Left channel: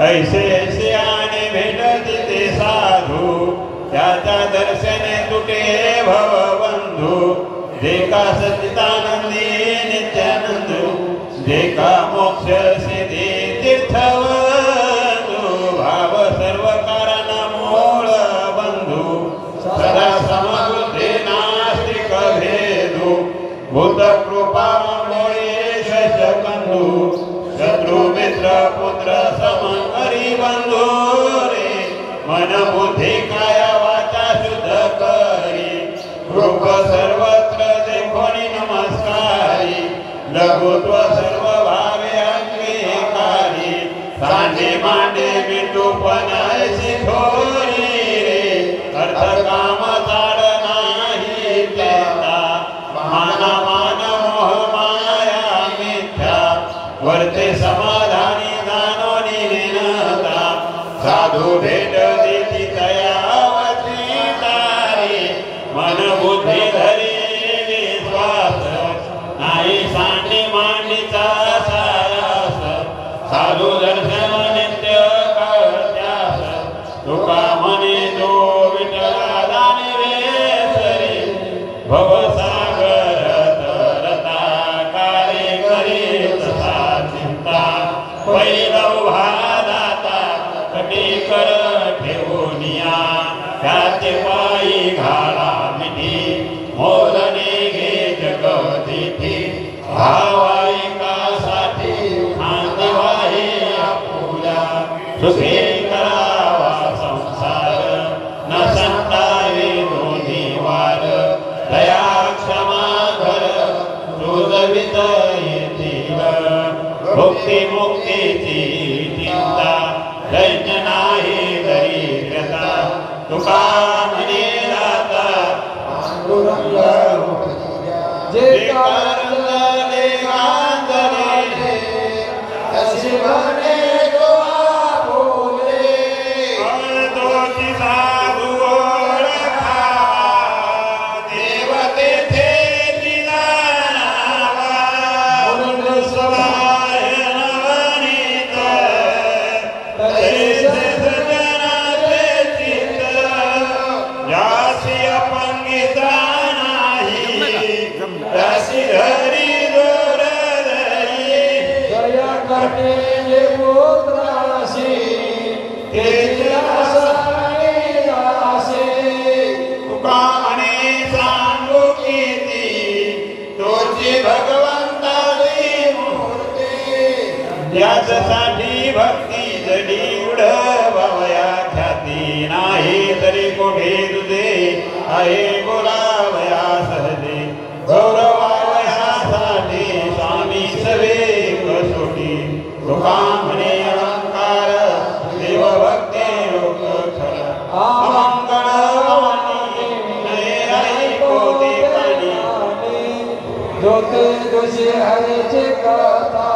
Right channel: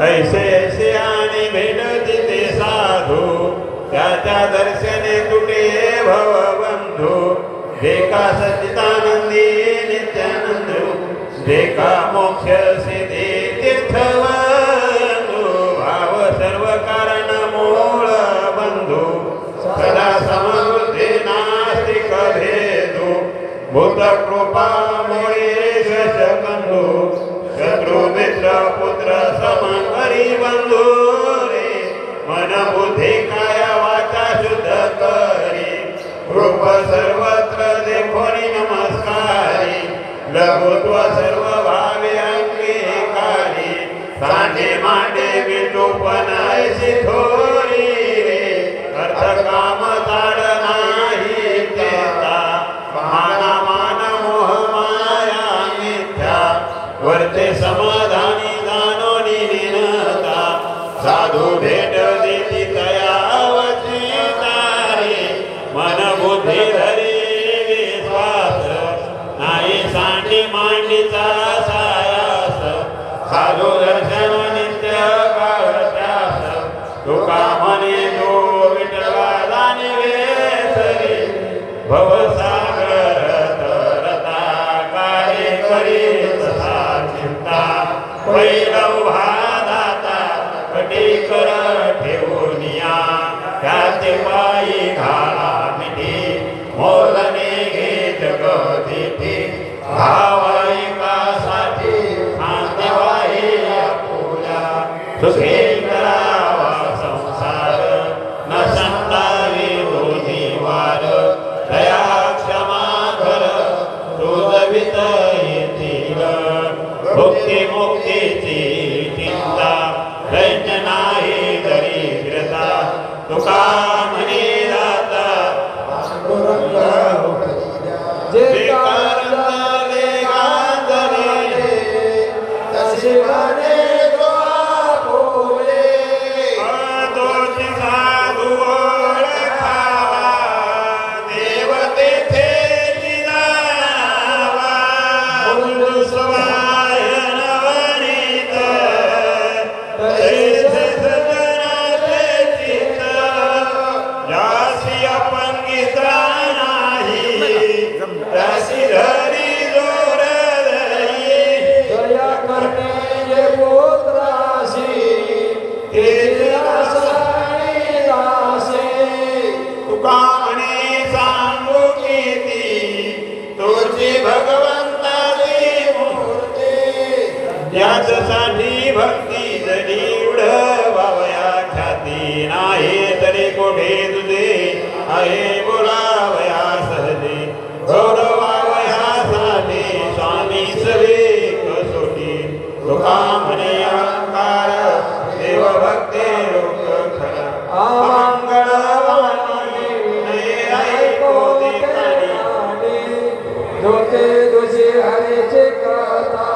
ऐसे ऐसे आणि भेटती ते साधू त्याच्या दर्शने तुटे भवबंधू जे का सच्चिदानंदी नित्यानंद जे का मोक्ष सिद्धी तीर्थवंदू भाव सर्व कारण मूळ बंधू सदा समृद्धी नास्तिक भेदू भूत कृपा बंधू शत्रु मित्र पुत्र समरी बंधू रे मन बुद्धी काया वाचा शुद्ध करी रूप सर्वत्र देखोनी नमस्कारी लघुत्व सर्व भावे अंगीकारी सांडे मांडे विटूपणायची थोरी रे अर्थ काम ताड नाही केता माना मान मोह माया मिथ्या वर्ते समाधानी दानोनी निनता साधू भेट देती तयावची तारे मन बुद्धी धरी विश्वास नाही सांडी मांडिता सायास साधू दर्शन नित्य काळत्यास तुका म्हणे तो विठला दानी वेसरी भवसागर तरता कार्य करी पैलव भादाता कटी कर ठेवूनिया त्याचे पायी घाला मिठी मोलने घे जगदिती भावाईकासाठी देवाहे आपुल्या सुखे करावा संसार न संतावे दोन्ही वार दया क्षमा धर तुझवित येतील भक्ती मुक्तीची चिंता दैन्य नाही दरिद्रता तुका म्हणे दाता जे कारले गांधले तसे म्हणे तो आपुले तोची साधू ओळखावा देव तेथे दिलावा बोल सवाय नवनीत तसे सजनाचे चित्त जासी अपंगिता दासी धरी जोर धरी दया करते जे पुत्रासी तेजला सहाय दासे तुका म्हणे सांगू किती तोची भगवंताची मूर्ती याच्यासाठी भक्ती जडी उडवावया ख्याती नाही तरी कोठे तुझे आहे बोलावया सहजे गौरवावयासाठी स्वामी सवे कसोटी तुका म्हणे अहंकार देव भक्ते लोक खरा अमंगळ नाही कोटी प्राणी जोते तुझे हरेचे कथा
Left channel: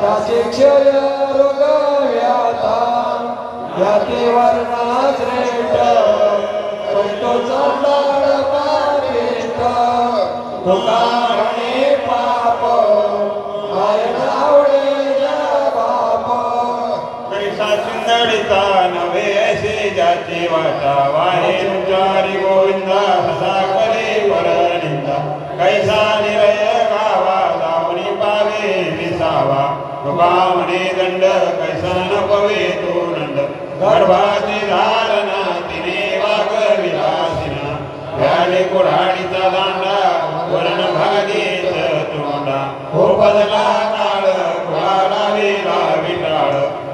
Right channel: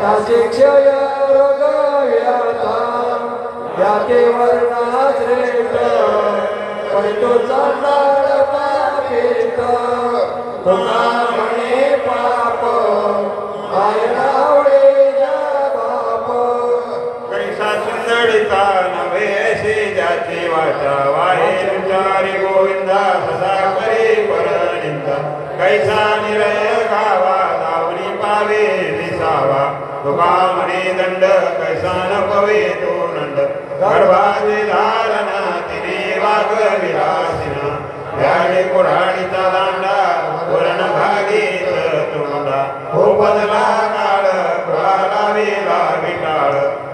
त्याचे क्षय रोग व्याथा याते वर्णा श्रेष्ठ करतो चांडाळ पापिष्ट तुका म्हणे पाप वायनावडे बाप कैसा सुंदरिता नव्हे ऐसे ज्याची वाचा वाहे तुझारी गोविंदा हसा करे परनिंदा कैसा निरय गावा दावणी पावे विसावा तुका म्हणे दंड कैसा न पवे तो नंद गर्भाचे धारणा तिने वाग विलासिना व्याले कुऱ्हाडीचा दांडा वरण भागीत तोंडा उपदला काळ कुळाला वेला विटाळ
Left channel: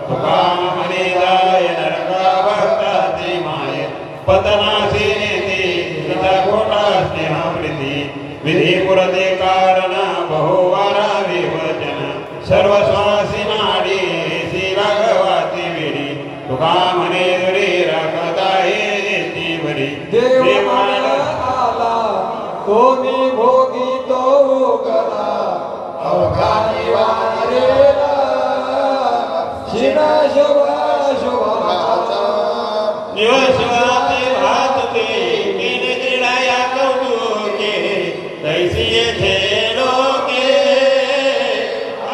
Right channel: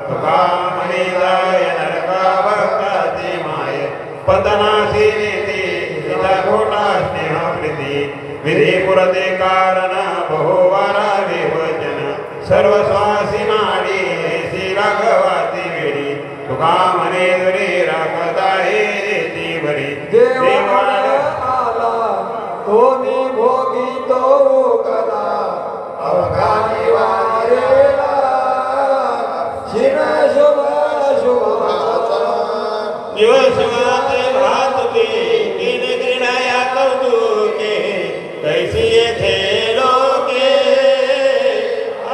तुका म्हणे जाय नरका भक्ताची माय पतनाशी नेते तिला घोटा स्नेहप्रीती विधी पुरते कारण बहुवारा विवचन सर्व स्वासी माडी सी राघवाची वेडी तुका म्हणे रे राखत आहे ती बरी देवाला आला तो मी भोगी तो करा अवघानी वारेला शिना शोभा शोभाचा दिवसवाते भातते कीड किडया कौतुके तैसी येथे लोके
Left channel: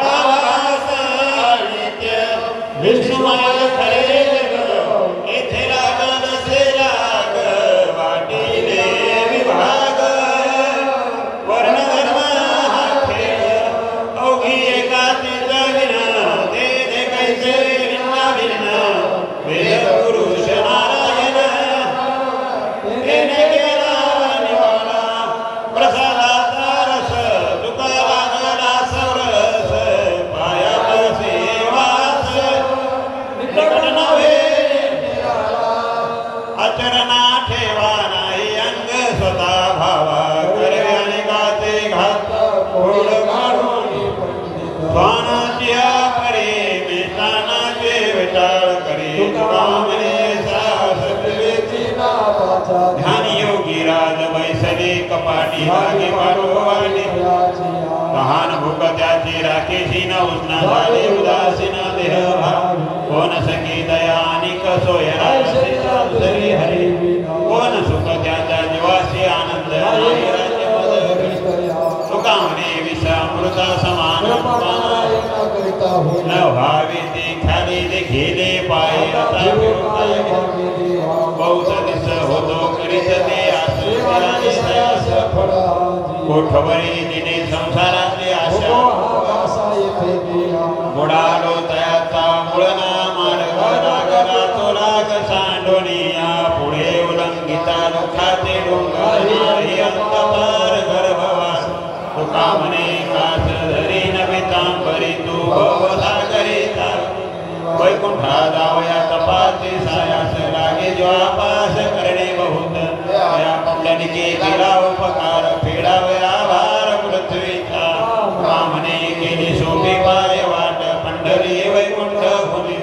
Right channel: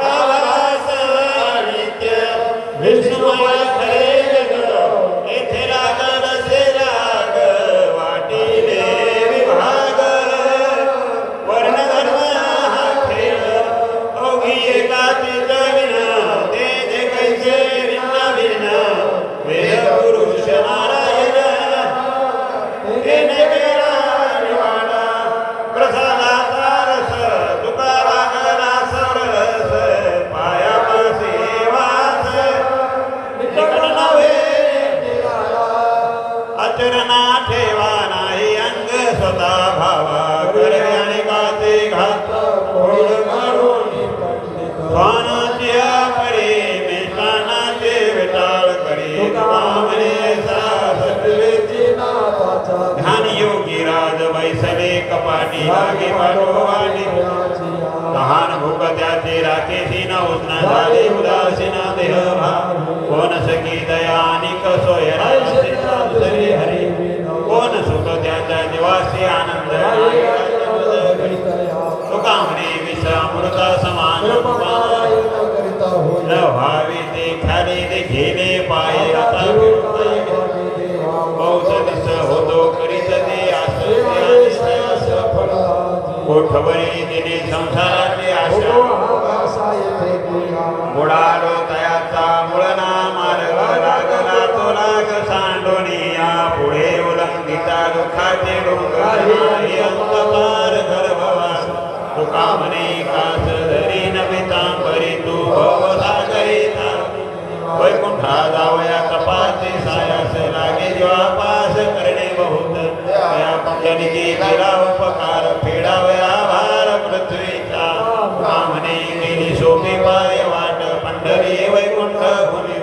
आवास नित्य विष्णुमय खरे जग येथे लागत असे राग वाटिले विभाग वर्ण धर्म हा खेळ अवघी एकाची जगना ते ते कैसे भिन्न भिन्न वेद पुरुष नारायण येणे गेला निवाडा प्रसादाचा रस तुका लागला सरस पायापाशी वास निकट नव्हे आचरणा ठेवा नाही अंग स्वतः भावा करे अनेकाचे घात फोड काढून स्वानाची पडे मेषानाचे विटाळ करी तुकामने ध्यान योगी राज बैसले कपाटी लागे पाठोपाठी लहान भूक त्याचे राखेशी न उष्ण झाले उदासीन देह कोण सखी दया आणि कसोयना हरी कोण सुख त्याच्या जीवाशी आनंद तुका म्हणे विषामृता समान न व्हावे ते खाली देखिले पाय आता बहुत दिस होतो करीत ते कोठवरी दिने संसाराचे आशा बुडालो तयाचा मुळना मार्ग लागला तो लाग सांडोनिया पुढे उलंघिता दुःखाचे डोंगर अंतपार गर्भवास तुका म्हणे कास धरी नमितांबरी तू भवसागरीता वैकुंठा जावया कपाचे सायास लागे ज्वापास करणे बहुत या पंगलीचे दिला उपकार फेडावया भार पृथ्वीचा ब्राह्मणे केली शोके पाय वाट पंढरी वैकुंठ भूमी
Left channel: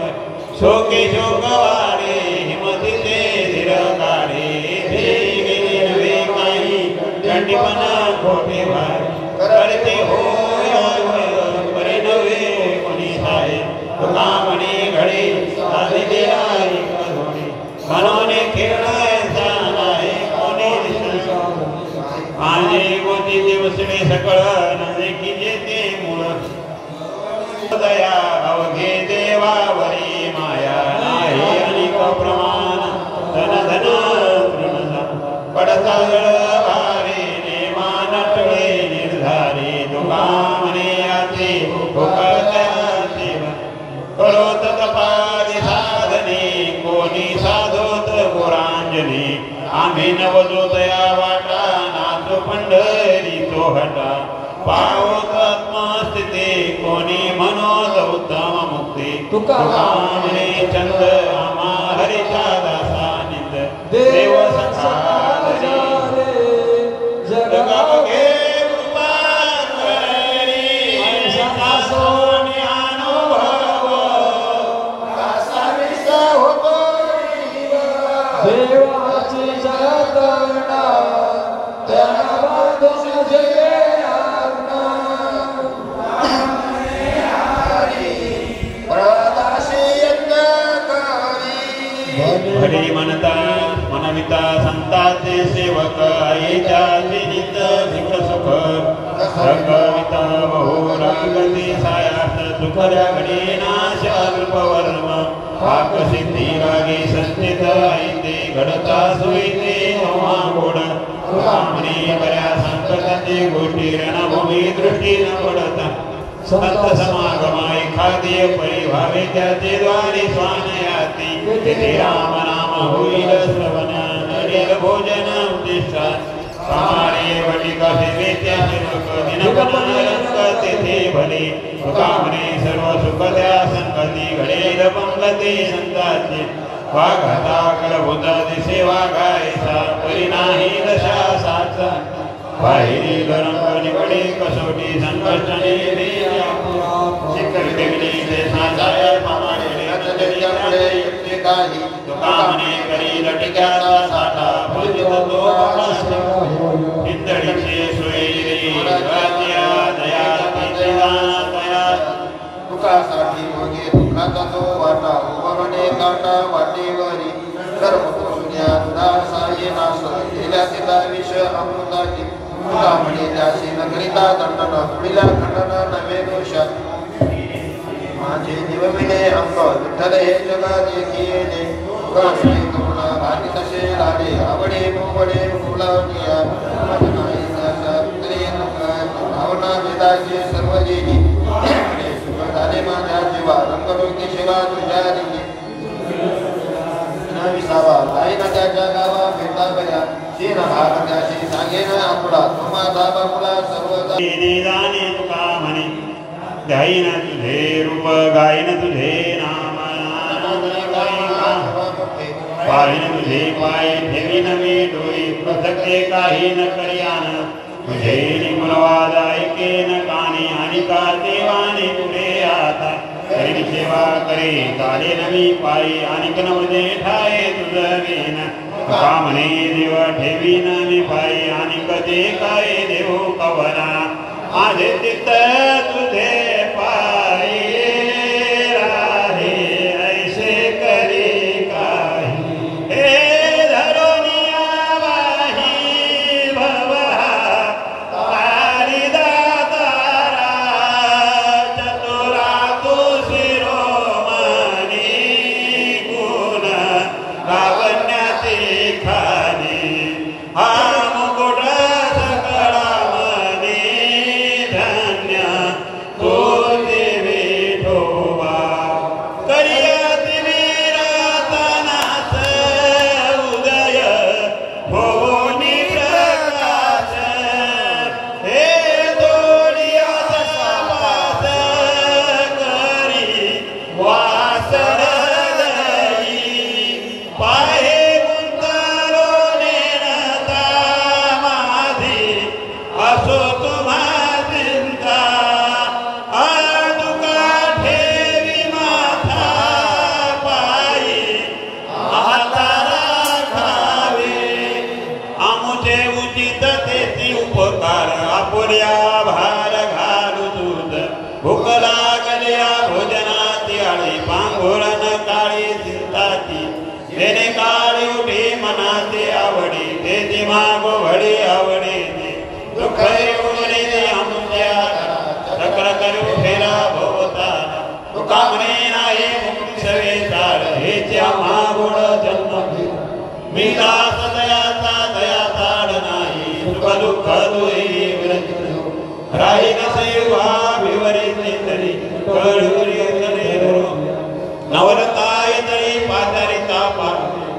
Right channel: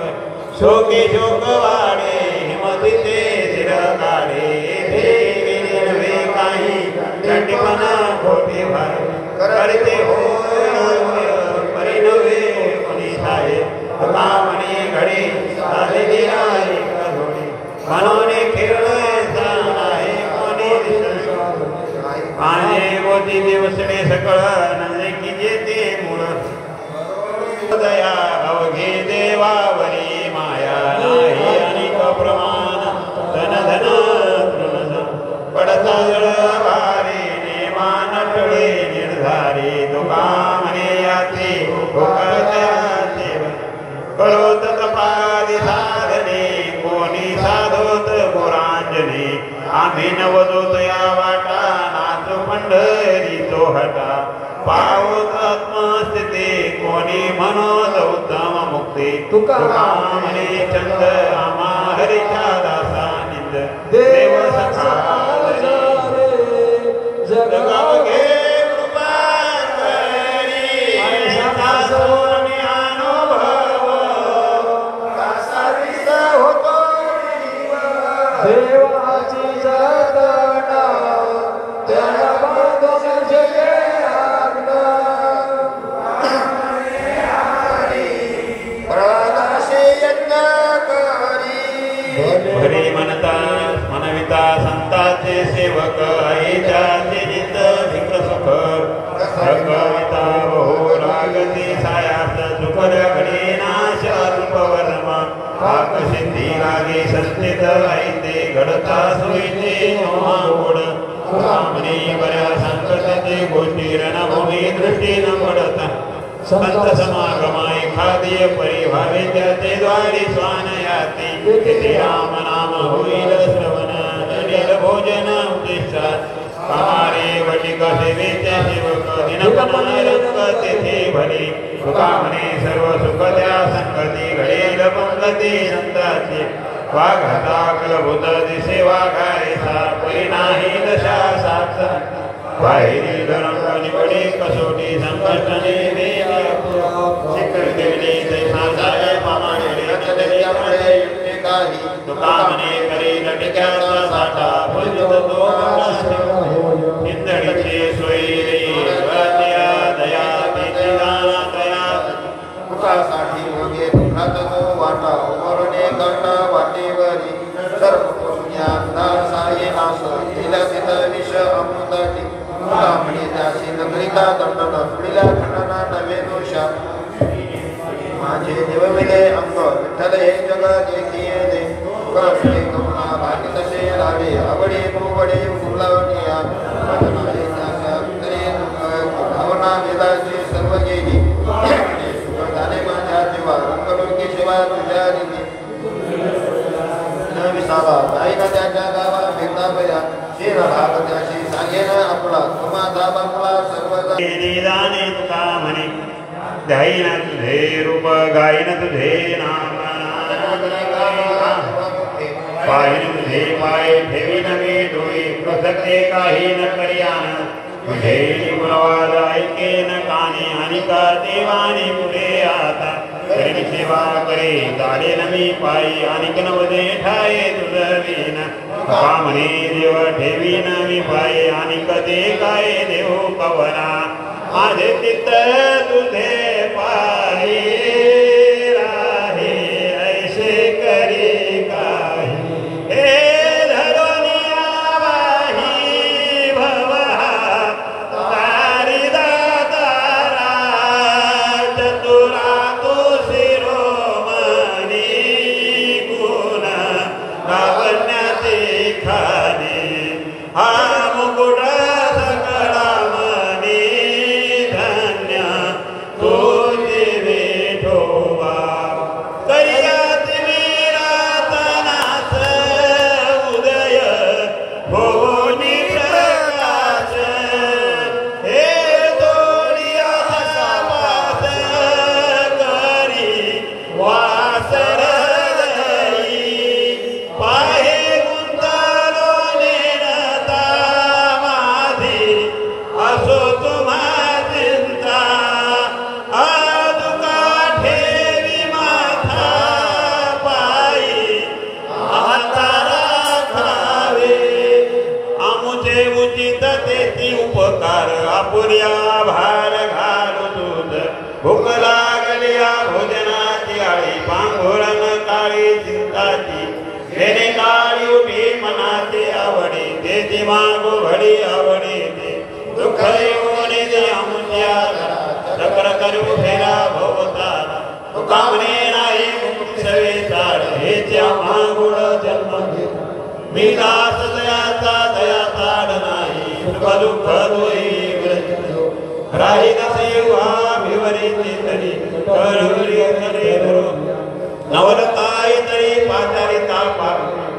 शोके शोक वाडे हिमतीचे धीर काढे गेली नवे काही दंडीपणा खोटे भाई करते होय परिणवे कोणी साहे तुका म्हणे घडी आलेली आहे मनोने खेळलोय नाही कोणी माझे गोती दिवसने सकळ नजे की जेते मूळ दया अवघे देवावरी माया नाही अनेक प्रमाण धन धन पडता भारी नेमान टळे निर्धारी तुका म्हणे याचे कळोत तपारी साधने कोणी साधोत पुरांजने आम्ही नवदोत या वाटा नाच पंढरी तो हटा पावत आत्मस्थिती कोणी मनोत उत्तम मुक्ती तुका म्हणे चंद आम्हा हरीच्या दासा निंद देव सखा जगगे देवाची जगना त्याला बांधून जगे भरी म्हणता मनविता संताचे सेवक आईच्याचे नित भिक सुख कविता बहु रागती सायात सुकर घडी नाश अल्पवर्म पाक सिद्धी लागे सस्थित आईते घडता सुईते गोड सुकामणी बऱ्या संकटाचे गोष्टी रणभूमी दृष्टी न पडता संत समागमा एखादे परिभावे त्याचे द्वारी स्वान याती राम नाम होईल श्रवण नवीन भोजन उद्दिष्ट कामारे वटिका सेवेच्या सेवक दिनपण रंग तेथे भले सुकामणे सर्व सुख त्या संगती घडेल पंगती संताचे वाघाता कलभूत दिसे वाघायचा परी नाही दशा साचा बाहेरी गणपणी बडे कसोटी संकर्षणे शिखर देवले देशाचाय मामाडे रचलेल्या पुढे युक्ती काही तुकामणे करी लटक्याचा साठा फुलत तो इंद्रिये सोयी रात्या दया तिला दया तुकासाठी मागे दुखात तो वाटा उमरणे काटा वाटेवरी सर्व ज्ञान साये नास गेल्या तिला विष अमृताची तुकामणे त्याशी नगरिता दंडन पुढीला खंडना नवे दोषा माझे देव मिळे अंग विठ्ठल हे जगा देखिले कसे करुणा भागी तसे लाडे आवडे मोवडे मुलावनिया नाही नाच्या पुत्रे भावना वेदाचे सर्व गेली सुख झाले माझ्या जीवा रंगडोकी शिवा तुझ्या निधी न विसावा जाईन त्याच्या गावा भेटा बया शेर भाग त्याची सांगेन आपला माझा बापुला सर्व जाणे तुका म्हणे गाईन तुझे रूप गाईन तुझे नाम पाहिन तुझे पाय ठेवी नवे डोळे प्रसक्ते काही न करियान तुझे मनवाद ऐके न काने आणि का देवाने तुझे आता करी सेवा करे काले नवी पायी आणि नवदे ठाये तुझ का म्हणे देव ठेवी नवी पायी आणि कधी काय देव कवना माझे चित्त तुझे पायी राहे ऐसे करी काही हे धरोनिया वाही भवहा तारी दातारा चतुरा तू शिरोमणी गुण लावण्याचे खाणे हा मुकुट सकळा मनी धन्य तो देवे ठोवा करियात विरातनाच उदय होनी प्रकाश हे दोडिया वास करी वासर पाहे गुंतलो नेनता माझी असो तुम्हा चिंता आजुका ठेवी माथा पायी म्हातारा खावे आमुचे उचित तेची उपकार आपुल्या भार घालू दूध भूक लागल्या भोजनाची आळी पांघोळण काळी चिंताची येणे काळी उठी मनाचे आवडी तेची मागो घडी आवडी दुःख येऊन आमुच्या चक्र करू फेरा भोवतारा तुका म्हणे नाही मुक्त सवेतार हेच्या मागोड जन्म मी दास दयाचा दया ताड नाही सुख दुःख दोही विरचित राही नसेवा विवरी तरी करुरी करे नवल काय तरी पाचारिता पा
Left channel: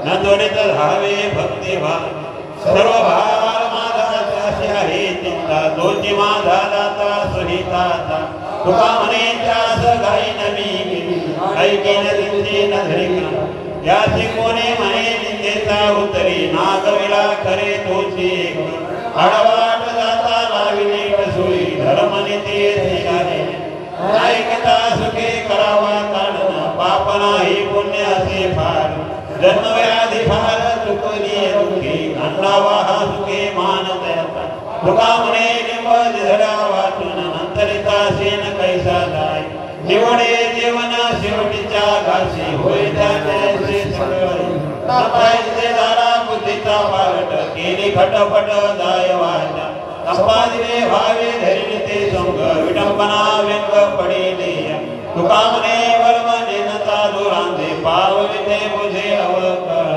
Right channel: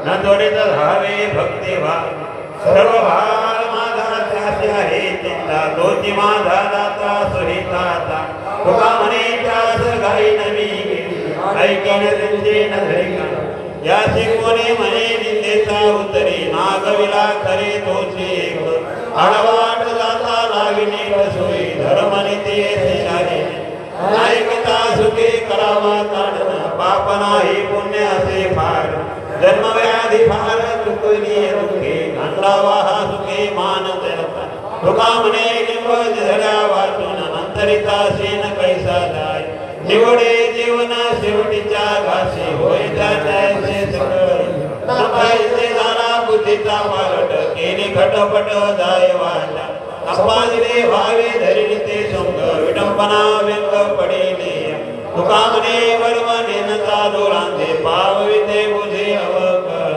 न त्वरित धावे भक्ती भाव सर्व भार माझा त्याशी आहे चिंता तोची माझा दाता सुहिताचा तुका म्हणे त्यास गाई नवी गेली ऐकेन त्यांचे नधरिका याची कोणे म्हणे निंदेचा उतरी नागविला करे तोची एक आडवाट जाता लाविने सोयी धर्मनीती आहे ऐकता सुखे करावा काढणं पाप नाही पुण्य असे फार जन्मव्याधी फार चुकली दुःखे खंडावा हा सुखे मानवता तुका म्हणे लिंब झरा वाचून अंतरिता सेन कैसा जाय निवडे जीवन शेवटीच्या घासी होय त्याचे सकळ नपायचे दारा बुद्धीचा पारट केली खटपट जाय वाट संपादिले भावे धरिले ते संग विडंबना व्यंग पडिले तुका म्हणे वर्म नेनता दोरांधे पावविते बुझे अवकळ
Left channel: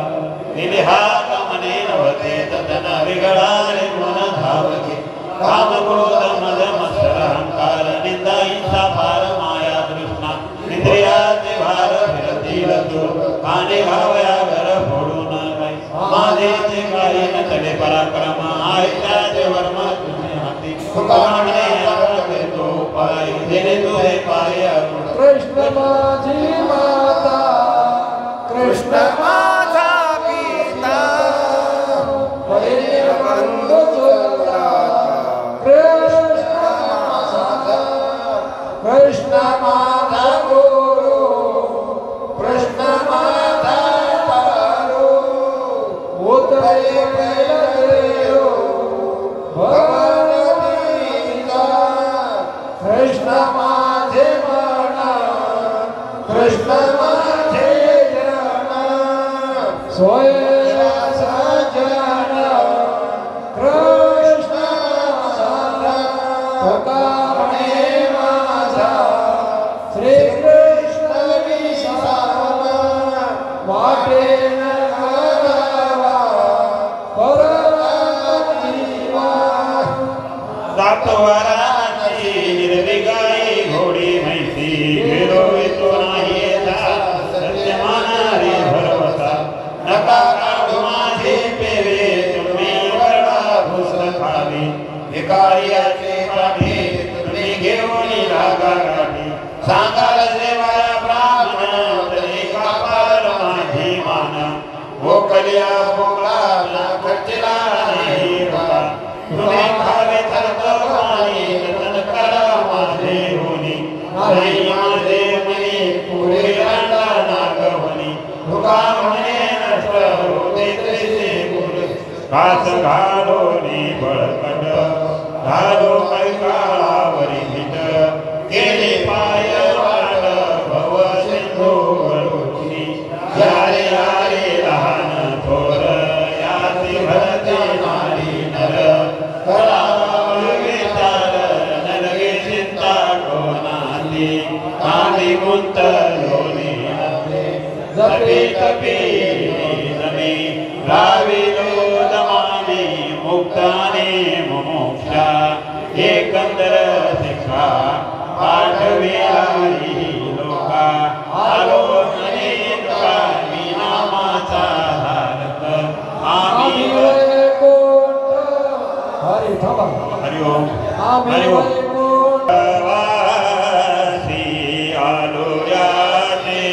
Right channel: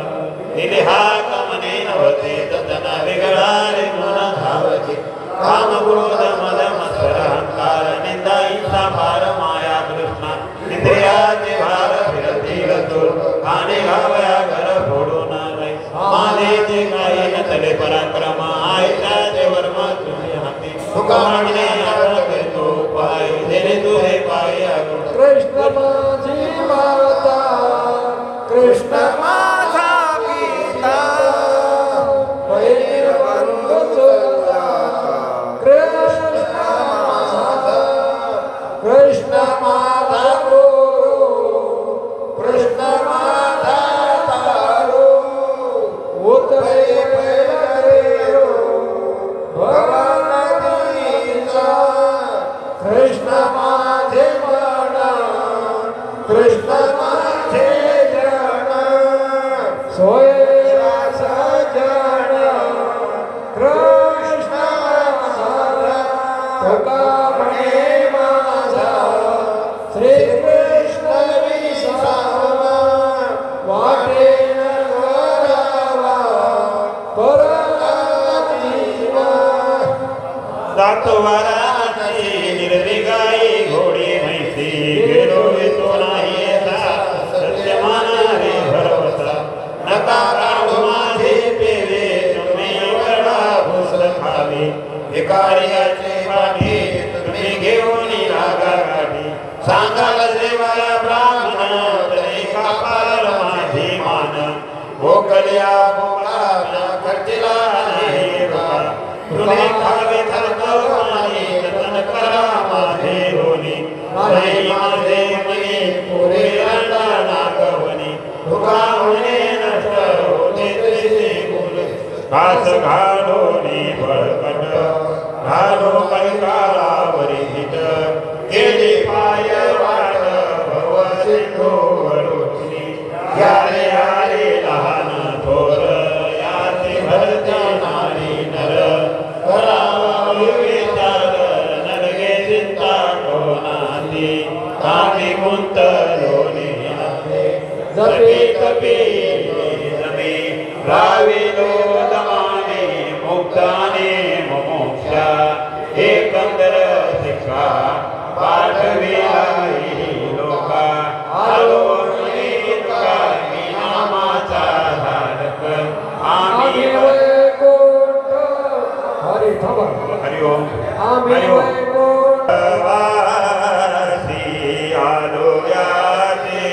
दिले हा कमने नवते ततना विगळारे मन धावचे काम क्रोध मद मत्सर अहंकार निंदा हिंसा फार माया कृष्णा इंद्रियाचे भार फिरती गतूर काने घावया घर फोडून गै माझेचे काही न चले पराक्रम आयत्याचे वर्म तुझे हाती तुका म्हणे आता करतो पाय देणे तुझे पाय कृष्ण माझी माता कृष्ण माझा पिता बंधू कृष्ण माझा कृष्ण माझा गुरु कृष्ण माझा तारू उदय कृष्ण माझे मन कृष्ण माझे जन सोया सजन कृष्ण माझा तुका म्हणे माझा श्री कृष्ण सेवाया ब्राह्मण तरी कापार माझी मान भोकल्या भोकाला खर्चिला नाही रोगा तुम्ही खावे थरतो मानी जतन करा माझे होनी नाही माझे मनी पुरे अंडा नागवनी भुगा होणे नष्ट होते तैसे गुरे घास घालोनी बळकट घालो कळकाळावरी हिट गेले पाय वाट भव सिंधू वळुनी यारे यारे लहान थोर याचे भरते नारी नर करावे विचार नरगे चिंता कोणाची कांदी गुंतलोनी नसे जपे तपे जमे राविलो दमावी मुक्ताने मोक्षा एकंदर शिक्षा पाठविला लोका आलो का मी नामाचा धारक आम्ही हरि ओम हरि ओम आलो याचे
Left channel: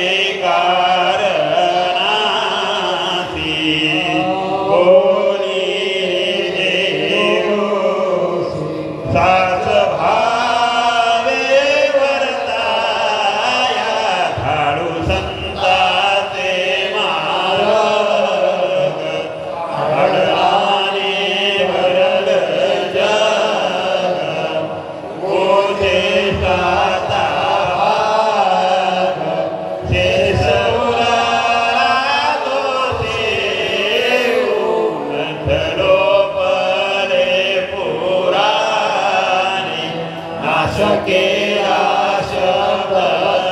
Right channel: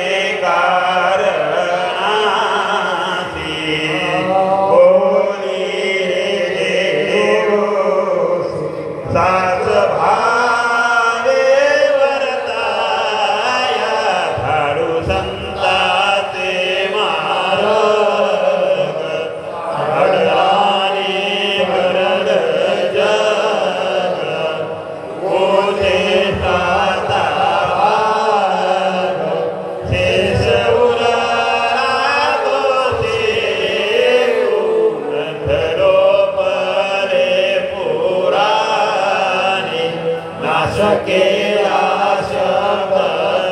कारणासी बोली देव सास भावे वर्ताया धाडू संताचे मारग अडराने भरड जग मोठे साता भाग शेष उराला दोषे उंधलो परे पुराणे नाशकेला शब्द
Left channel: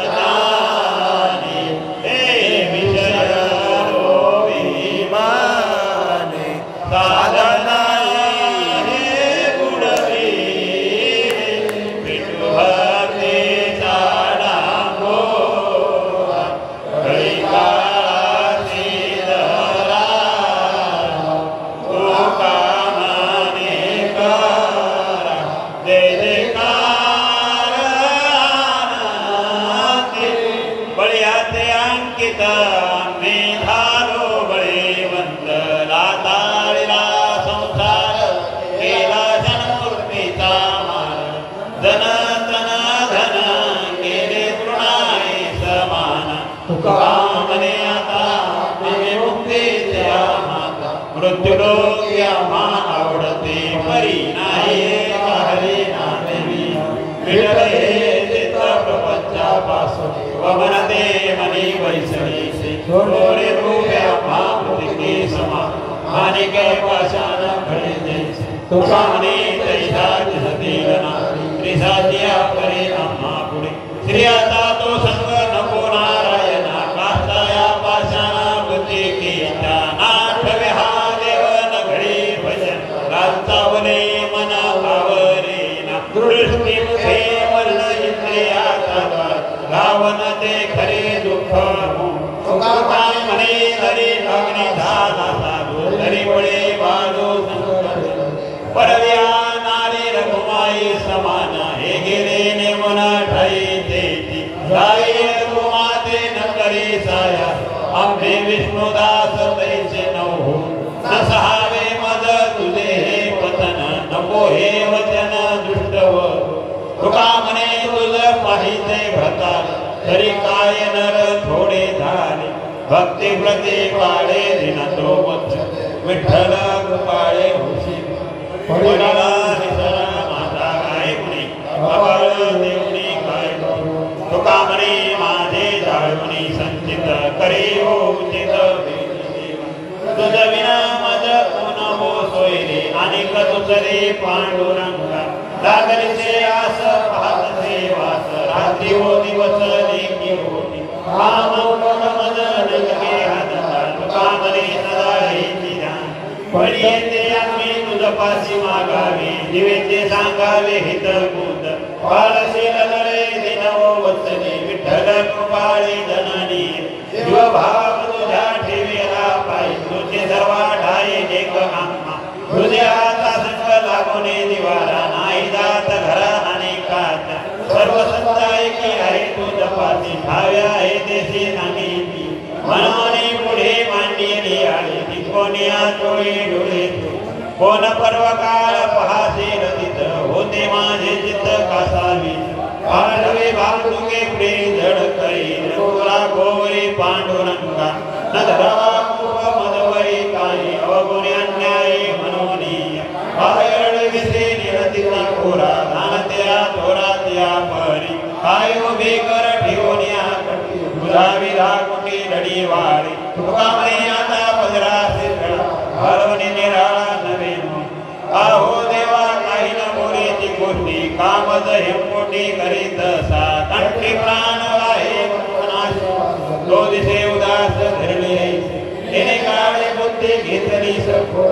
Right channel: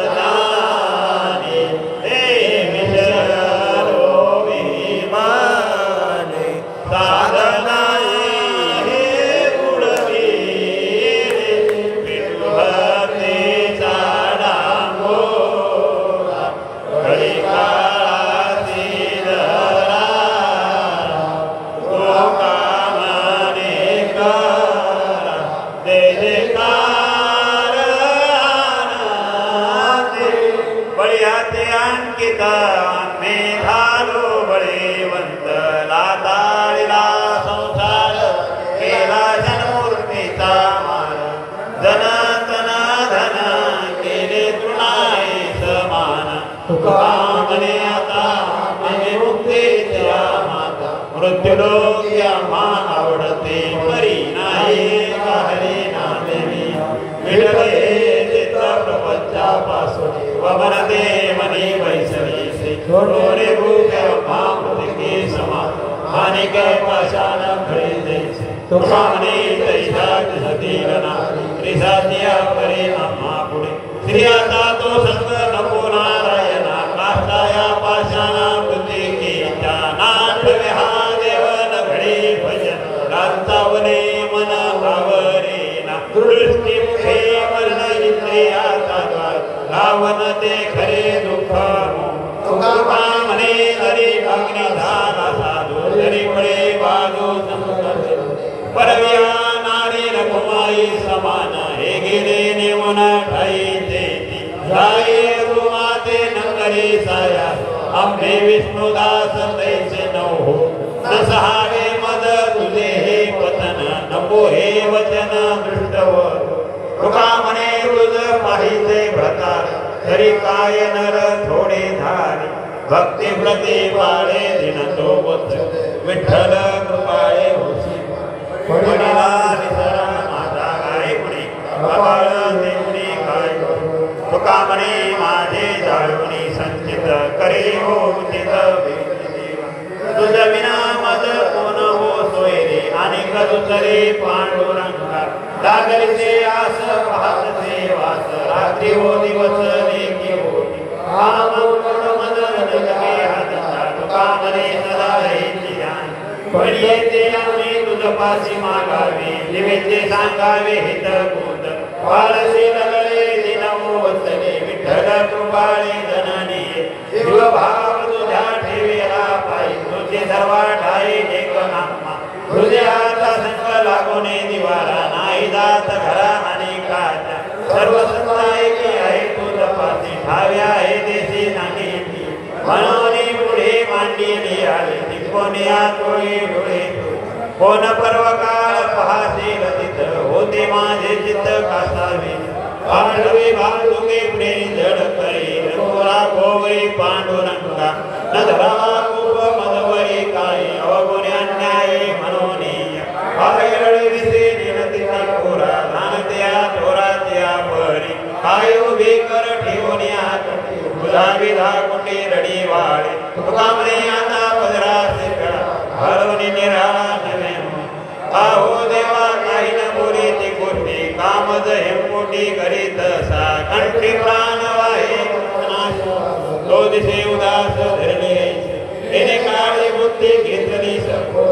ज्ञाने हे विषयो विमाने साधनाये बुडवी विभ्रते चाडांगोरा कलिकाळाची धरा गोकामाने करा जय जयकार आनंदी बळ्याचे अंकित आम्ही झालो बळेवंत लाताळीला संसार केला जनमूर्तीचा मार जन तन धन केले तृणाई समान तुका म्हणे आता म्हणे मुक्तीचे माता मृत्यूलोकी आम्हा आवडते परी नाही काढले नांदवी विठ्ठल हे चित्त प्रपंचापासून वमनते मनी वैसरीसे थोडे रूपे आम्हा मृतिके समान मानिक पाषाण घडे जैसे तुका म्हणे तैसाच सतील नारी त्रिसात्या परे आम्हा पुढे स्त्रियाचा तो संग नको नारायणा काष्टाया पाषाणा मृतिकेच्या नाठवे हा देवन घडे भजन गांचावले मन आवरेना दृष्टी मुखे वर्ण इंद्रियाचा द्वार गावन ते खरे दुःख तुका म्हणे हरी अग्निधाना साधू तरी पळे बाजू संकट परव्या नारी रघुमाई समान हे गिरे नेमुन ठाई देती जाई रघुमाते न करी साया आम्ही विष्णुदास तैसे नहो नसहावे मद तुझे हे पतन नको हे वचन दृष्टव तुका म्हणे तुझ पाहिजे भ्रतार तरी काय नर थोडे धारे भक्ती प्रति पाळे दिन तो वत्स विठ्ठल कृपाळे होशी पडिला माता काय म्हणे बाबाळ देवणी काय करू तुका म्हणे माझे जाळवणी संचित करी हो उचित तुझ विना मज कोण हो सोयरे आणि दुसरे पांडुरंगा जागरीचे आस पाहतचे वास रात्री हो दिवस लेखी होती काम गुण मद नगरे हादला तुका म्हणे सदा हेची ध्यान पडी येते आम्ही तुझ पाशी मागावे दिवेचे सांगावे हित गुण वारसी लगले दिनवो वत्सने विठ्ठल कृपाळी जननी जीव भाव तुझ्या ठेवेला पायी तुझे सर्वा ठाई एक नामा हृदयाचा संग लागोने दिवारा नाही जात घरा आणि काचा सर्व सत्ता एकी आहे तुझ पार डोळे डोळे कोण पर्वकाळ पहासेल तिथ होते माझे चित्त कासावे पांडवे भागुगे पुढे जड करी गोरा गोवरी पांडुरंगा न धरावा खूप मदवरी काय अवगुणे अन्याय मनोनीय पायरळ विसे निरतीचा खोरा घाणत्या चोरात्या परी काय उभे कर ठेवून विधा कुंडी रडी वाळे तुकामणे आता पदरा शिरकळा हरवणी निराळा नवे आहो देवा काही न बोलेची गोष्टी कामज हेमोटी करीत सा कंठी प्राण वाहे तो दिसे उदास धरले तिने काळी बुद्धी घेतली सखो